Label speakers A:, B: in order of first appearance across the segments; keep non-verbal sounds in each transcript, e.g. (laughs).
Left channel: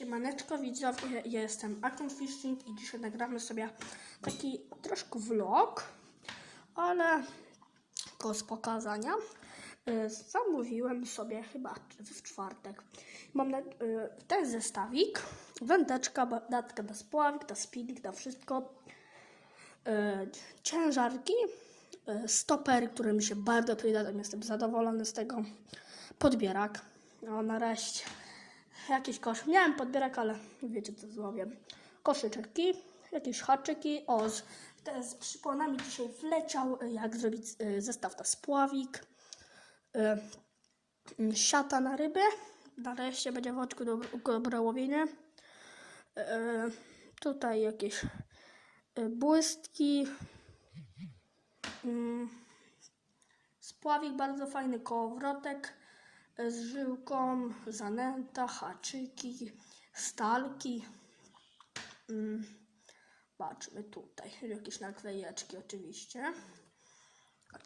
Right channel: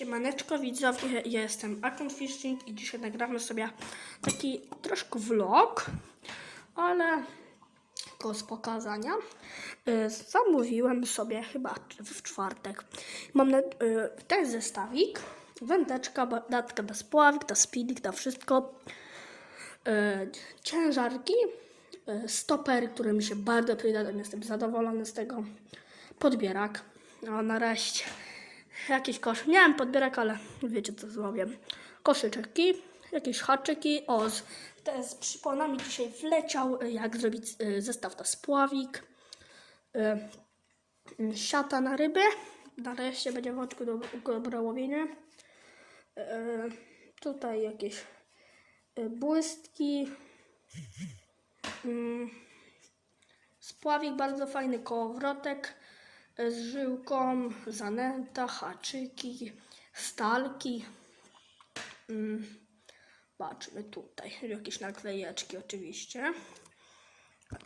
A: Siemaneczko widzowie, ja jestem Akon Fishing i dzisiaj nagramy sobie taki troszkę vlog, ale tylko z pokazania. Y, Zamówiłem sobie chyba w czwartek. Mam y, ten zestawik, wędeczka, datka do spławik, do spinning, to wszystko. Y, Ciężarki, stopery, które mi się bardzo przydadzą, jestem zadowolony z tego. Podbierak, no nareszcie jakiś kosz. Miałem podbierak, ale wiecie co zrobię. Koszyczki, jakieś haczyki. O, z, te z przyponami dzisiaj wleciał, y, jak zrobić y, zestaw na spławik. Y, y, siata na ryby. Nareszcie będzie w oczku do, dobre łowienie. Y, tutaj jakieś błystki. Mm, Spławik bardzo fajny, kołowrotek e, z żyłką, zanęta, haczyki, stalki. Mm, Patrzmy tutaj, jakieś naklejeczki oczywiście.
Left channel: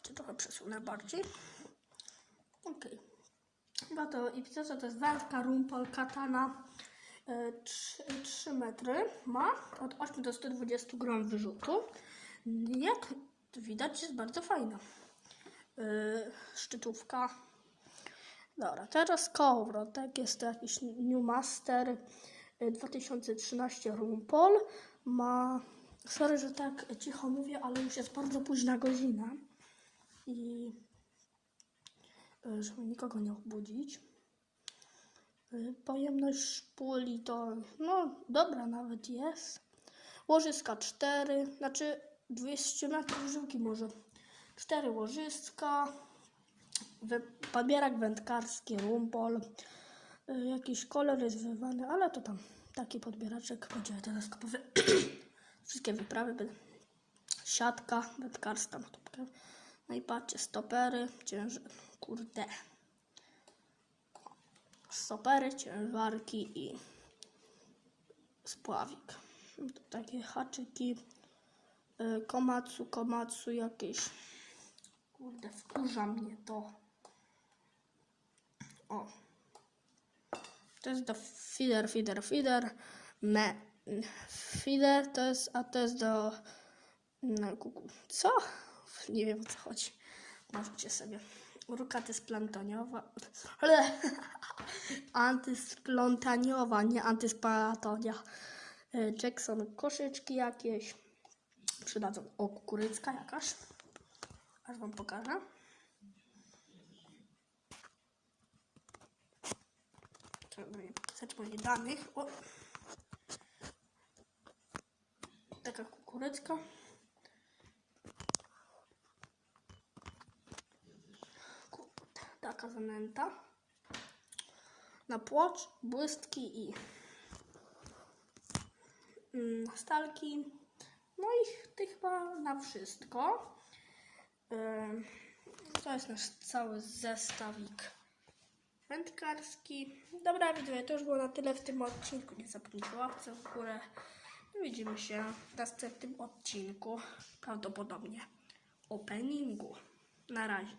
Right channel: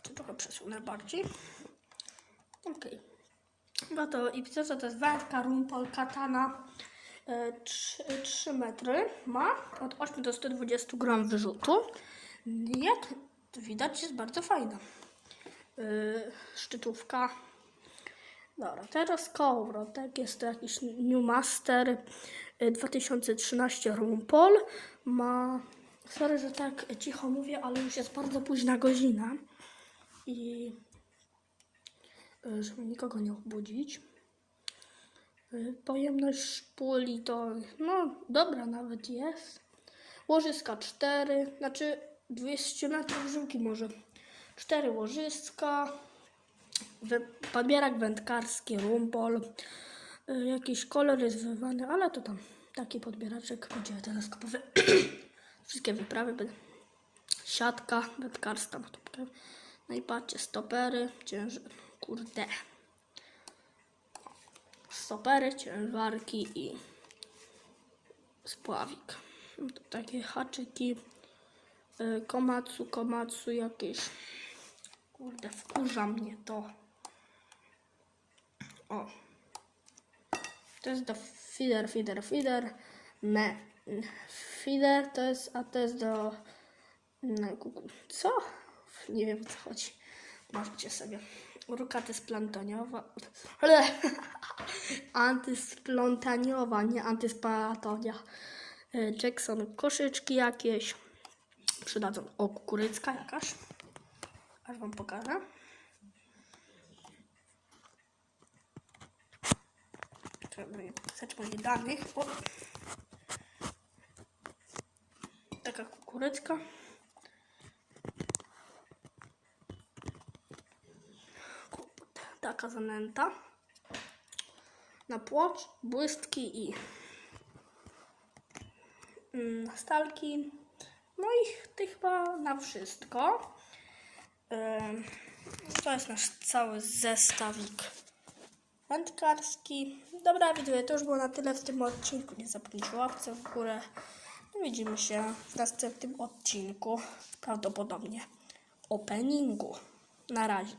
A: To trochę przesunę bardziej. Okej. No to i co to jest wędka, rumpol, katana. E, 3, 3 metry ma od 8 do 120 gram wyrzutu. Jak widać jest bardzo fajna. E, szczytówka. Dobra, teraz kołowrotek. Jest to jakiś New Master y, 2013 Rumpol. Ma. Sorry, że tak cicho mówię, ale już jest bardzo późna godzina. I. y, Żeby nikogo nie obudzić. Y, Pojemność szpuli to. No, dobra nawet jest. Łożyska 4, znaczy 200 metrów żyłki może. 4 łożyska. Podbierak wędkarski, rumpol. Y, Jakiś kolor jest wywany, ale to tam taki podbieraczek będzie teleskopowy. (clears throat) Wszystkie wyprawy będą. Siatka wędkarska, no i patrzcie, stopery, ciężar, kurde. Stopery, ciężarki i spławik. No to takie haczyki, y, komatsu, komatsu jakieś. Kurde, wkurza mnie to. O. To jest do feeder, feeder, feeder. Me. Feeder to jest, a to jest do... Kuku- co? Nie wiem o co chodzi. Możecie sobie. Ruka splantoniowa. Ale (laughs) antysplątaniowa, nie antysparatonia. E, Jackson koszyczki jakieś. Przydadzą. O, kukurycka jakaś. Pokażę. Trzeba pisać moich danych. O. Taka kukurycka. Kurde, Taka zanęta. Na płocz, błystki i mm, stalki. No i to chyba na wszystko. To jest nasz cały zestawik wędkarski. Dobra, widzowie, to już było na tyle w tym odcinku. Nie zapomnijcie łapce w górę. Widzimy się w następnym odcinku. Prawdopodobnie openingu. Na razie.